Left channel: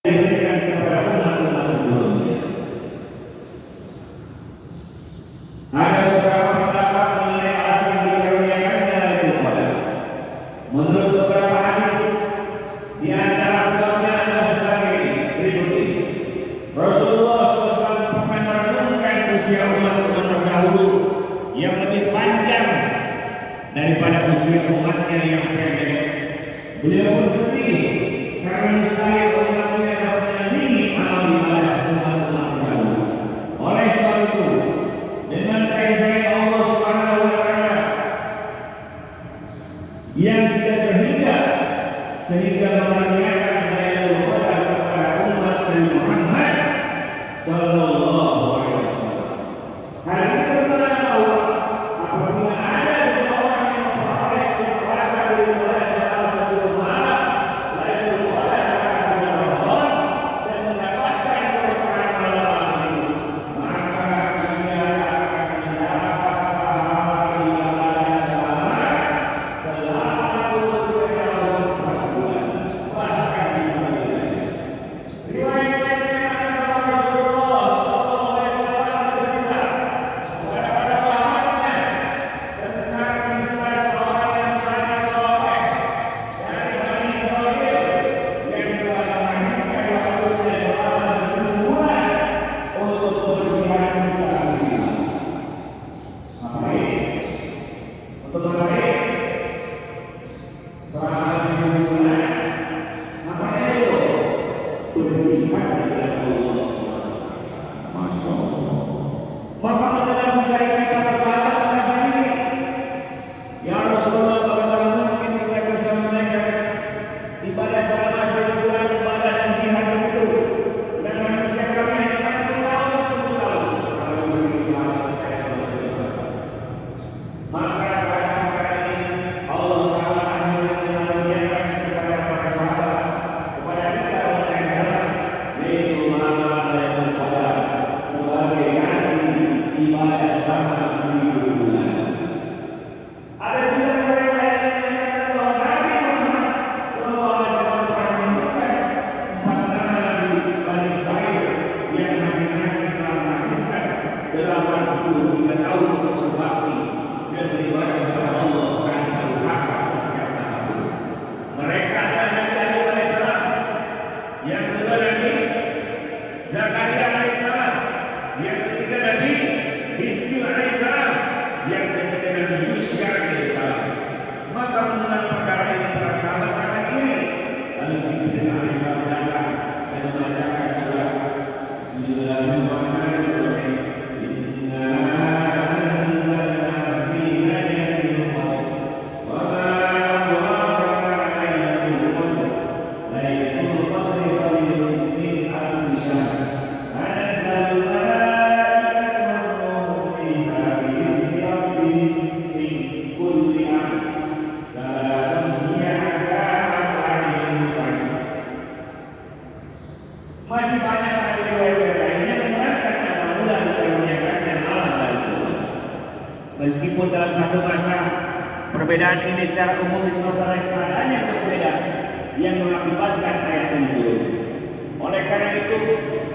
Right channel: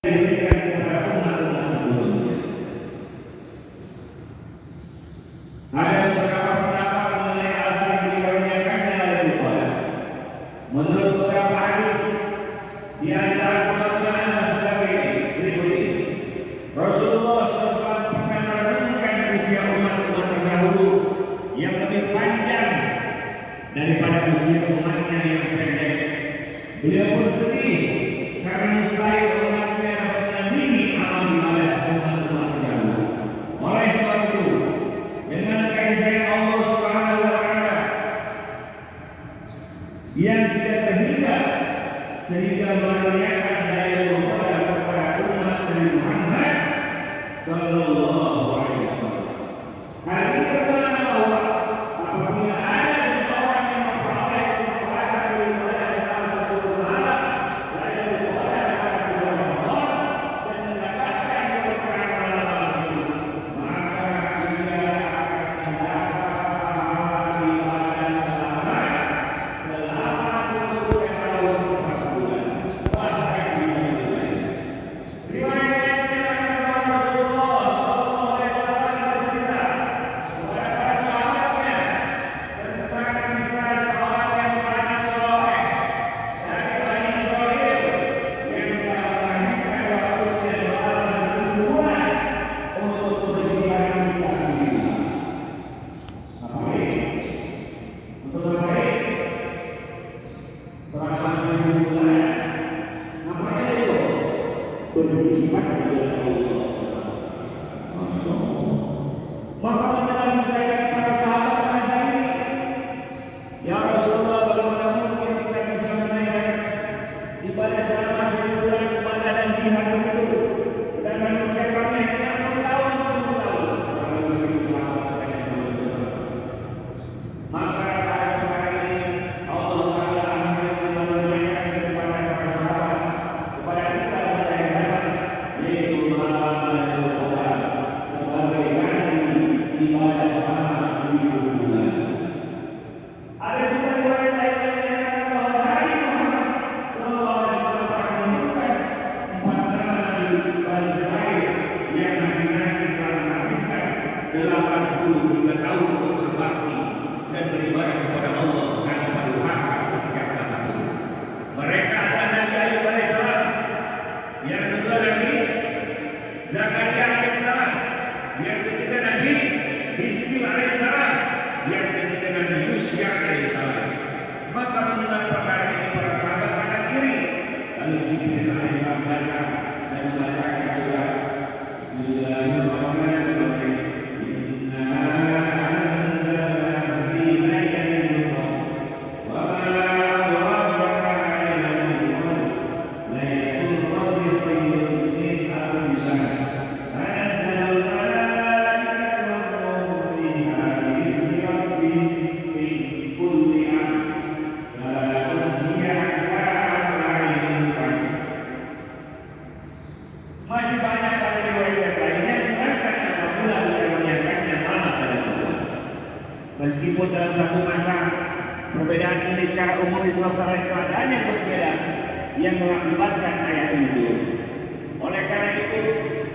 diberikan kepada umat-umat sebelumnya. Ada beberapa pendapat mengenai alasan dikaruniakannya Lailatul Qadar. Menurut beberapa hadis, di antara sebabnya adalah sebagai berikut ini. Rasulullah SAW pernah merenungkan usia umat-umat terdahulu yang lebih panjang daripada usia umatnya yang pendek. Beliau pun sedih karena mustahil umatnya dapat menandingi amal ibadah umat-umat terdahulu. Oleh sebab itu, dengan keesaan Allah Subhanahu wa Ta'ala yang tidak terhingga sehingga mengaruniakan Lailatul Qadar kepada umat Nabi Muhammad sallallahu alaihi wasallam. Hal ini bermakna bahwa apabila ada seseorang yang memperoleh kesempatan beribadah selama 10 malam Lailatul Qadar pada bulan Ramadan dan mendapatkan keberkahan malam-malam itu, maka dia akan mendapat pahala ibadah selama 83 tahun 4 bulan, bahkan bisa lebih lagi. Riwayat Rasulullah sallallahu alaihi wasallam bercerita kepada para sahabatnya tentang kisah seorang yang sangat soleh dari Bani Israil yang telah menghabiskan waktunya selama 10 bulan untuk berjihad fisabilillah. Ngapain? Untuk ngapain? Selama 10 bulan ngapain itu? Berjihad di jalan Allah. Masya Allah. Maka mengenai masyarakat para sahabat merasa ini, ya Rasulullah, bagaimana mungkin kita bisa menaikkan ibadah selama 10 bulan ibadah dan jihad itu? Sedangkan usia kami hanya 60 tahun, 60 tahun. Kalau beri sahabat kepada Rasulullah. Maka perkara ini Allah Ta'ala akhirnya memuliakan kepada para sahabat, kepada kita orang zaman, yaitu malam Lailatul Qadar sebagai ganti ibadah selama 10 bulan. Ada juga riwayat lain yang menyatakan bahwa Nabi Muhammad sallallahu alaihi wasallam pernah menemukan 4 Nabi Bani Israil yang masing-masing telah menghabiskan 83 tahun untuk berbakti dan beribadah kepada Allah tanpa durhaka setiap tahun. Mereka adalah Nabi Ayub alaihissalam, yang kedua Nabi Zakaria alaihissalam, yang ketiga Nabi Hizkil alaihissalam, yang ketiga Nabi Yusya alaihissalam. Maka mengenal perkara ini para sahabat sangat iri. Lalu Jibril alaihissalam datang dan membacakan surat Bismillahirrahmanirrahim. Inna anzalna fi lailatul qadr wa ma adraka ma lailatul qadr. Lailatul qadri khairun min alfi syahr. Tanazzalul malaikatu war-ruhu fiha bi'izni rabbihim min kulli amr. Salamun hiya hatta matla'il fajr. Masih banyak riwayat lainnya menerangkan asal mula dikaruniakannya malam Lailatul Qadar. Meskipun dalam satu masa perbedaan ini secara umum disebabkan oleh keadaan yang berbeda yang mengakibatkan ayat ini turun. Oleh karena itu,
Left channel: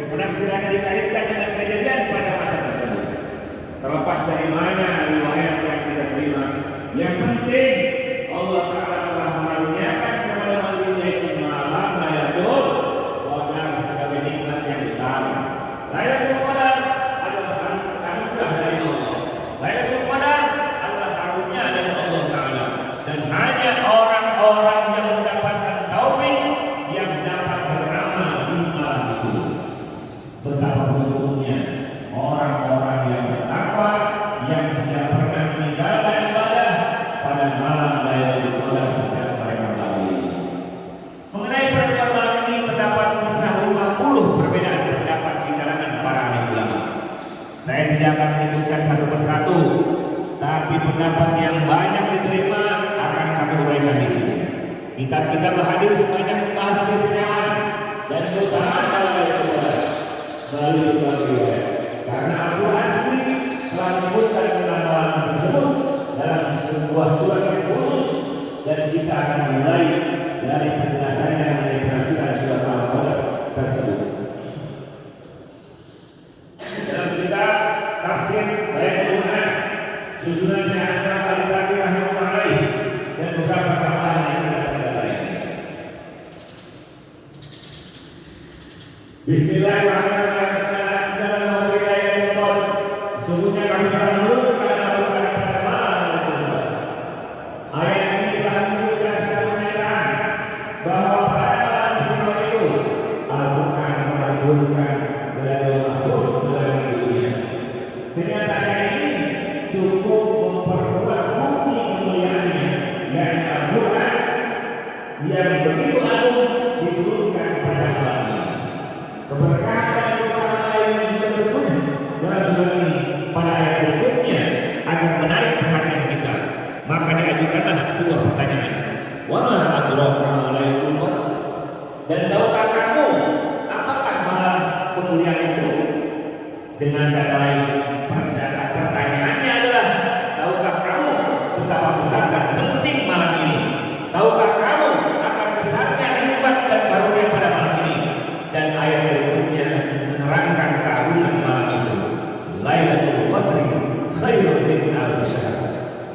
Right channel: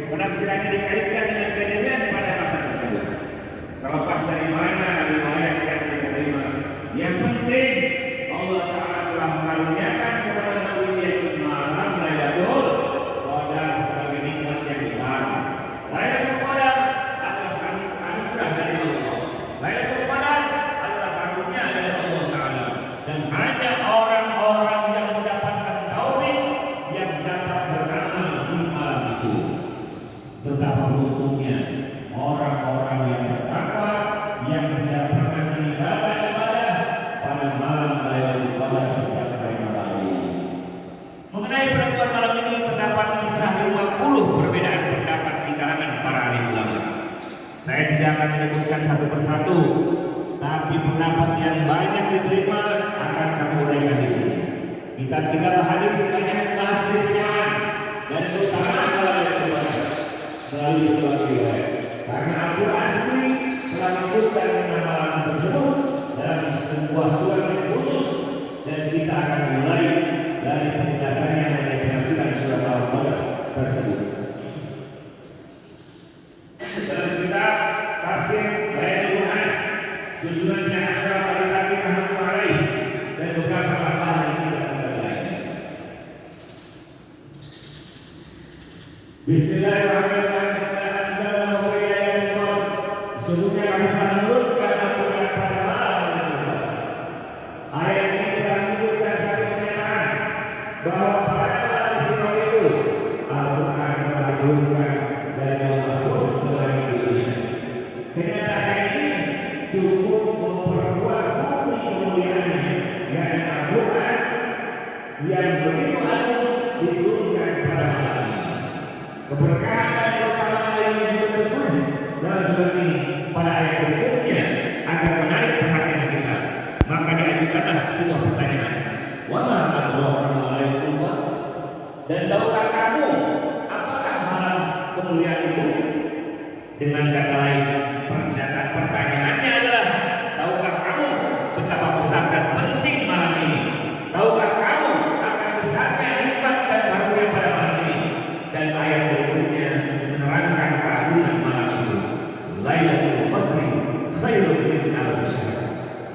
penafsirannya dikaitkan dengan kejadian pada masa tersebut. Terlepas dari mana riwayat yang kita terima, yang penting Allah Ta'ala telah mengaruniakan kepada umat ini yaitu malam Lailatul Qadar sebagai nikmat yang besar. Lailatul Qadar adalah anugerah dari Allah. Lailatul Qadar adalah karunia dari Allah Ta'ala, dan hanya orang-orang yang mendapatkan taufik yang dapat beramal di malam itu. Betapa beruntungnya orang-orang yang bertakwa yang tidak pernah meninggalkan ibadah pada malam Lailatul Qadar sejak mereka lahir. Mengenai penentuan malam ini terdapat kisah 50 perbedaan pendapat di kalangan para alim ulama. Saya tidak akan menyebutkan satu persatu, tapi pendapat yang banyak diterima akan kami uraikan di sini. Kitab-kitab hadis banyak membahas keistimewaan dan keutamaan Lailatul Qadar melalui sebuah riwayat. Karena Al-Quran sendiri telah menyebutkan malam tersebut dalam sebuah surat yang khusus, dan kita akan mulai dari penjelasannya mengenai penafsiran surat Al-Qadar Bismillahirrahmanirrahim. Assalamualaikum. Sesungguhnya kami dahulukan Al-Quran pada malam kedua. Ayat ini dilanjutkan secara menyatakan bahwa pada malam istimewa itu Al-Quran dilanjutkan dari mahfuz dari dunia. Menyatakan ini cukup memperkuat bukti kemuliaannya, yakni Al-Quran yang begitu agung diturunkan pada malam ini. Keberkahan utama yang juga tertulis dalam surat ini pada ayat berikutnya akan menarik perhatian kita. Maka diajukanlah sebuah pertanyaan. Wa ma adraka ma lailatul qadar? Dan tahukah kamu apakah malam kemuliaan itu? Dengan kata lain, pertanyaannya adalah tahukah kamu betapa besar dan penting malam ini? Tahukah kamu akan besarnya nikmat dan karunia pada malam ini? Dan ayat berikutnya menerangkan keagungan malam itu. Lailatul Qadri khairun min alfi syahr.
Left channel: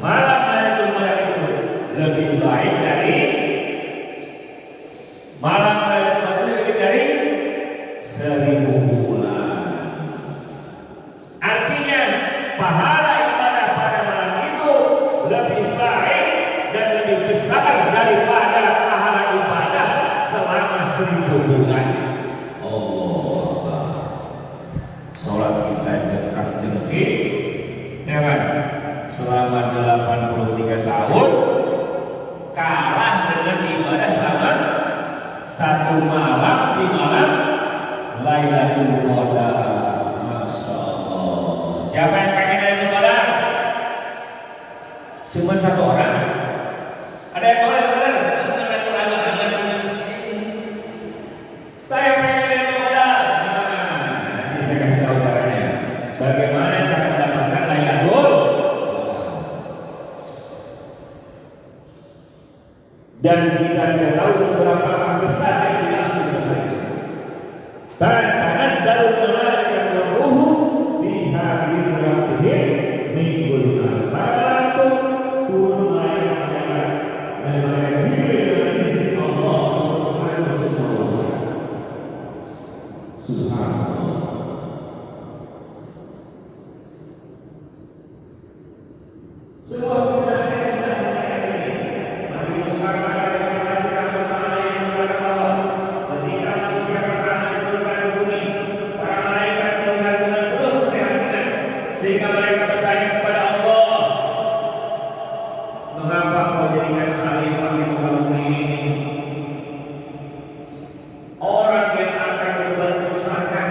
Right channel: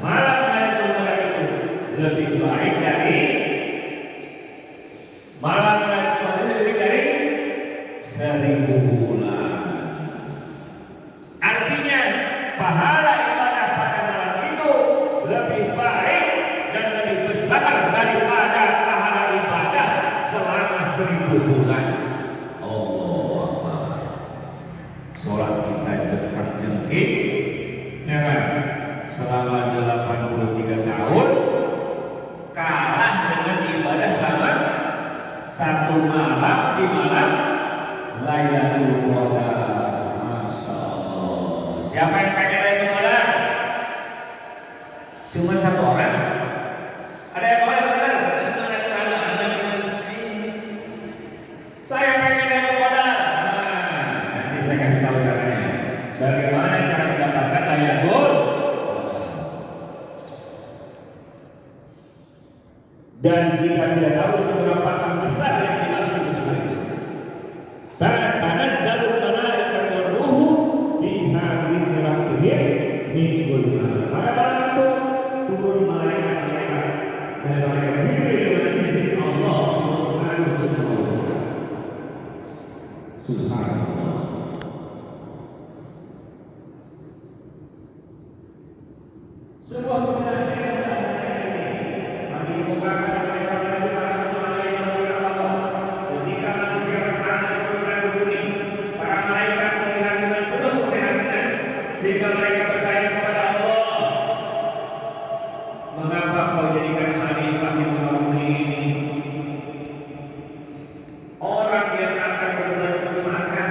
Malam Lailatul Qadar itu lebih baik dari malam Lailatul Qadar lebih dari 1000 bulan. Artinya pahala ibadah pada malam itu lebih baik dan lebih besar daripada pahala ibadah selama 1000 bulan. Sholat kita jengkak-jengkik ya kan? Selama 83 tahun kalah dengan ibadah selama satu malam di malam Lailatul Qadar. Masya Allah. Siapa yang pengen Lailatul Qadar? Cuma satu orang? Ada yang boleh benar? Saya pengen Lailatul Qadar. Nanti saya kasih tahu caranya. Bagaimana cara mendapatkan Lailatul Qadar? Dan kita tidak tahu seberapa besar yang dimaksud besar itu. Tanazzalul malaikatu war-ruhu fiha bi'izni rabbihim min kulli amr. Pada malam itu turun malaikat-malaikat dan malaikat Jibril dengan izin Allah Subhanahu wa ta'ala. Subhanallah. Sebuah kebenaran yang kita ini masih dikembangkan oleh para ulama yang berkata bahwa ketika manusia pertama diturunkan ke bumi, para malaikat melihat dengan penuh keprihatinan sehingga mereka bertanya kepada Allah, mengapa kau jadikan khalifah di muka bumi ini? Orang yang akan berbuat kerusakan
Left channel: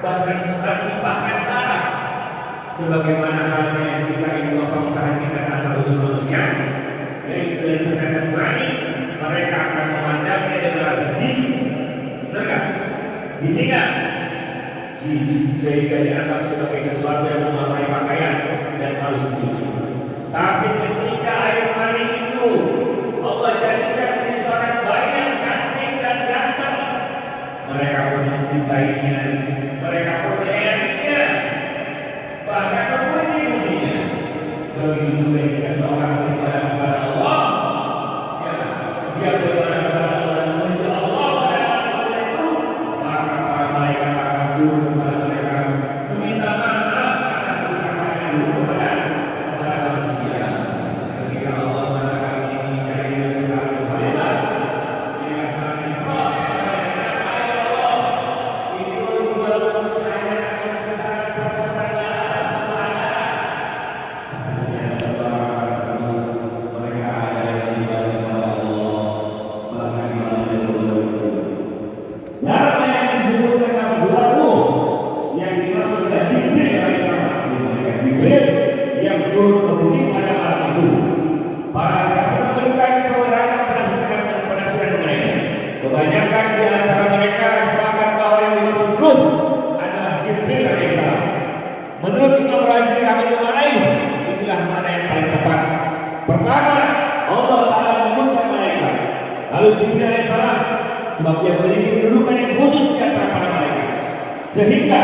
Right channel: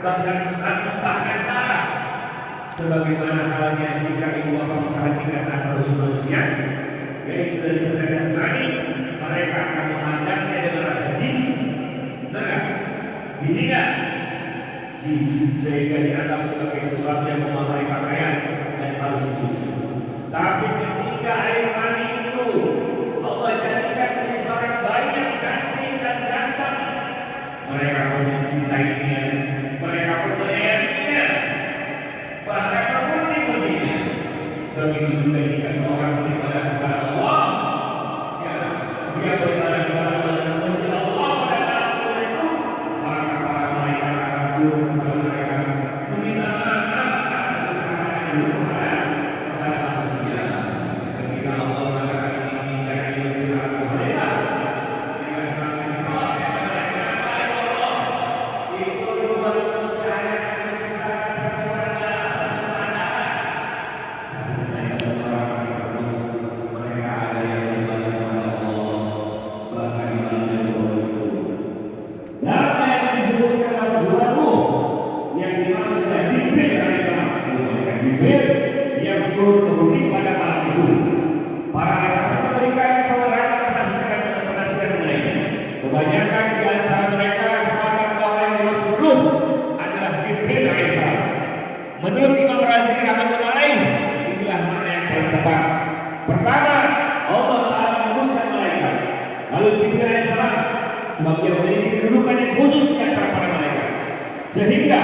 bahkan akan menumpahkan darah, sebagaimana halnya jika ibu bapa memperhatikan asal usul manusia, yaitu dari segi Nasrani, mereka akan memandangnya dengan rasa jijik. Benar nggak? Jijik nggak? Jijik sehingga dianggap sebagai sesuatu yang memakai pakaian dan harus dicuci. Tapi ketika air mani itu Allah jadikan menjadi seorang bayi yang cantik dan ganteng, mereka pun mencintainya, mereka pun menyayanginya, bahkan memuji-mujinya. Begitu juga jika seorang beribadah kepada Allah, ya, dia beribadah kepada Allah, memuji Allah pada malam itu, maka para malaikat akan turun kepada mereka, meminta maaf atas ucapan yang dulu kepada manusia. Ketika Allah mengatakan ini jadi lebih baik kepada yang turun ke bumi pada malam itu. Para rasul memberikan kewenangan penafsiran mengenainya. Kebanyakan di antara mereka sepakat bahwa yang dimaksud ruh adalah Jibril alaihissalam. Menurut Imam Razi rahimahullah alaih, inilah makna yang paling tepat. Pertama, Allah Taala mengundang malaikat. Lalu Jibril alaihissalam sebab dia memiliki kedudukan yang khusus di antara para malaikat, sehingga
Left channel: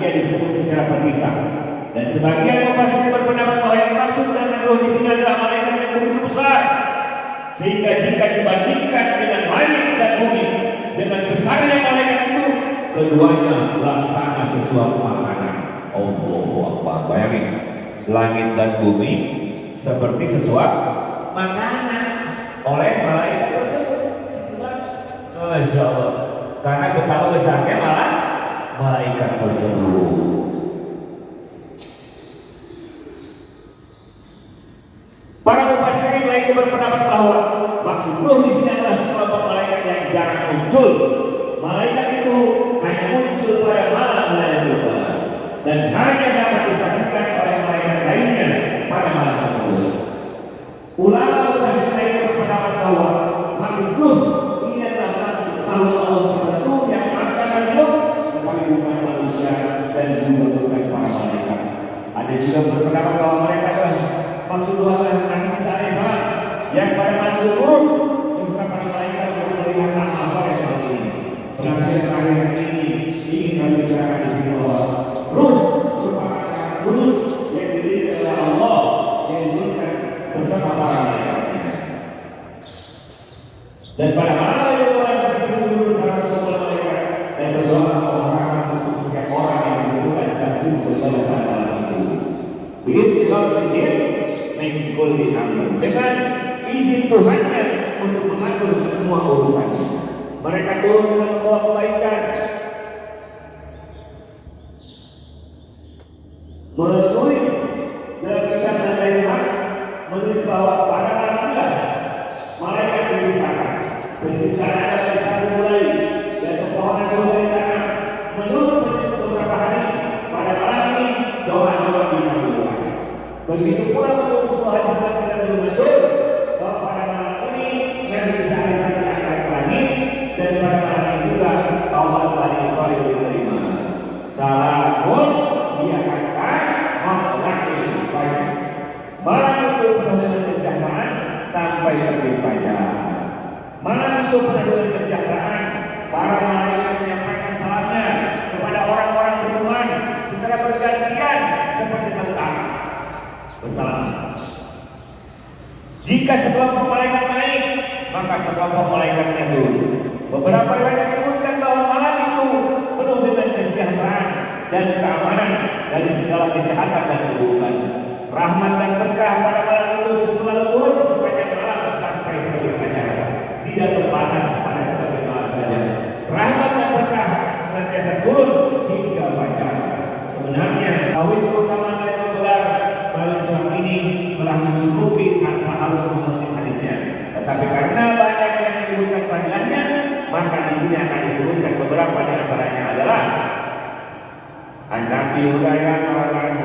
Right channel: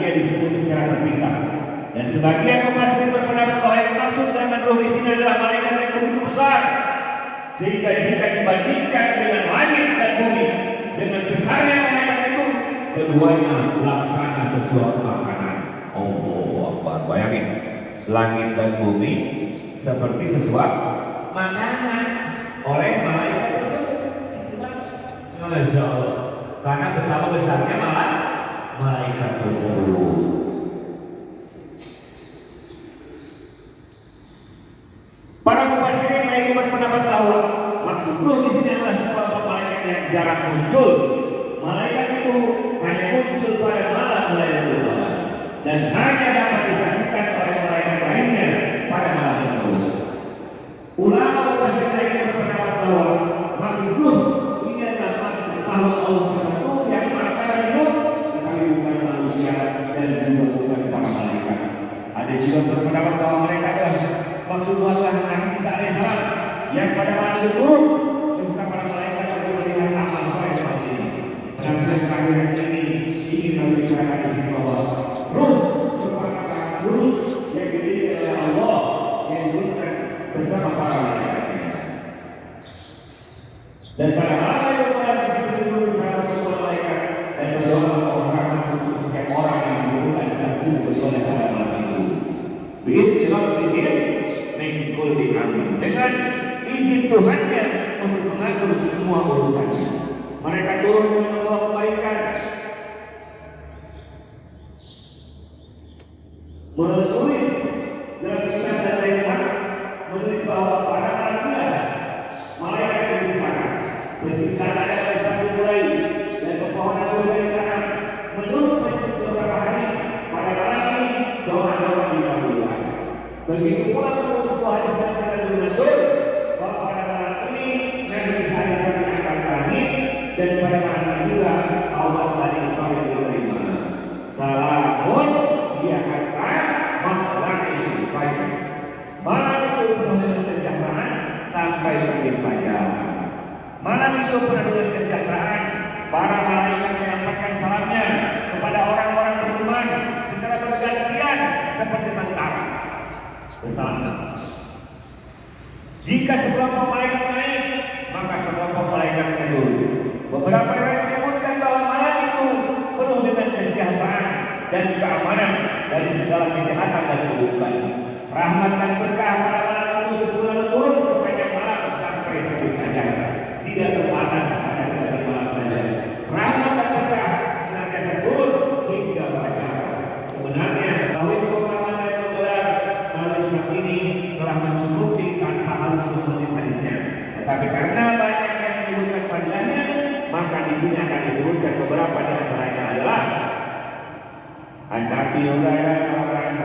ia disebut secara terpisah. Dan sebagian mufassir berpendapat bahwa yang maksud dengan ruh di sini adalah malaikat yang begitu besar, sehingga jika dibandingkan dengan langit dan bumi, dengan besarnya malaikat itu, keduanya laksana sesuatu makanan. Allahu Akbar. Bayangin, langit dan bumi seperti sesuatu makanan oleh malaikat tersebut. Masya Allah. Karena betapa besarnya malah malaikat tersebut. Para mufassirin lainnya berpendapat bahwa maksud ruh di sini adalah sekelompok malaikat yang jarang muncul. Malaikat itu hanya muncul pada malam Lailatul Qadar dan hanya dapat disaksikan oleh malaikat lainnya pada malam tersebut. Ulama mufassirin lainnya berpendapat bahwa maksud ruh ini adalah maksud Allah tertentu yang akan hidup, tetapi bukan manusia dan juga bukan para malaikat. Ada juga berpendapat bahwa mereka adalah maksud Tuhan Nabi Isa alaihissalam yang pada malam itu turun sesudah para malaikat melihat amal soleh seperti ini. Terakhir ini ingin kami bicarakan di sini bahwa ruh merupakan kudus yang didirikan oleh Allah yang diturunkan bersama para malaikat. Dan pada malam itu malaikat duduk bersama semua malaikat dan berdoa orang untuk setiap orang yang diturunkan secara sungguh pada malam itu. Begitu juga mengikuti amal dengan izin Tuhannya untuk mengatur semua urusannya. Mereka turun dengan membawa kebaikan. Menulis dalam kitab Nasihat menulis bahwa pada malam malaikat menciptakan. Penciptaan ada dari satu mulai dan pepohonan surga di tanah. Menurut beberapa hadis pada malam ini doa-doa dikabulkan. Begitu pula menurut semua hadis yang kita masyhur bahwa pada malam ini Nabi Isa alaihissalam diangkat ke langit dan pada malam itu juga taubat Bani Israil diterima. Salamun dia kata maklaki fajar. Malam itu penuh dengan kesejahteraan sampai terbit fajar. Malam itu penuh dengan kesejahteraan. Para malaikat menyampaikan salamnya kepada orang-orang beriman secara bergantian seperti tentara bersama. Jika sekelompok malaikat naik, maka sekelompok malaikatnya turun. Beberapa riwayat menyebutkan bahwa malam itu penuh dengan kesejahteraan dan keamanan dari segala kejahatan dan keburukan. Rahmat dan berkah pada malam itu selalu turun sepanjang malam sampai terbit fajar. Tidak terbatas pada sebagian malam saja. Rahmat dan berkah senantiasa turun hingga fajar. Sebenarnya tauhid keutamaan Lailatul Qadar melalui surat ini telah mencukupi tanpa harus mengutip hadisnya. Tetapi karena banyak yang menyebutkan fadilahnya, maka di sini akan disebutkan beberapa di antaranya adalah An Nabi Hurairah radhiyallahu anhu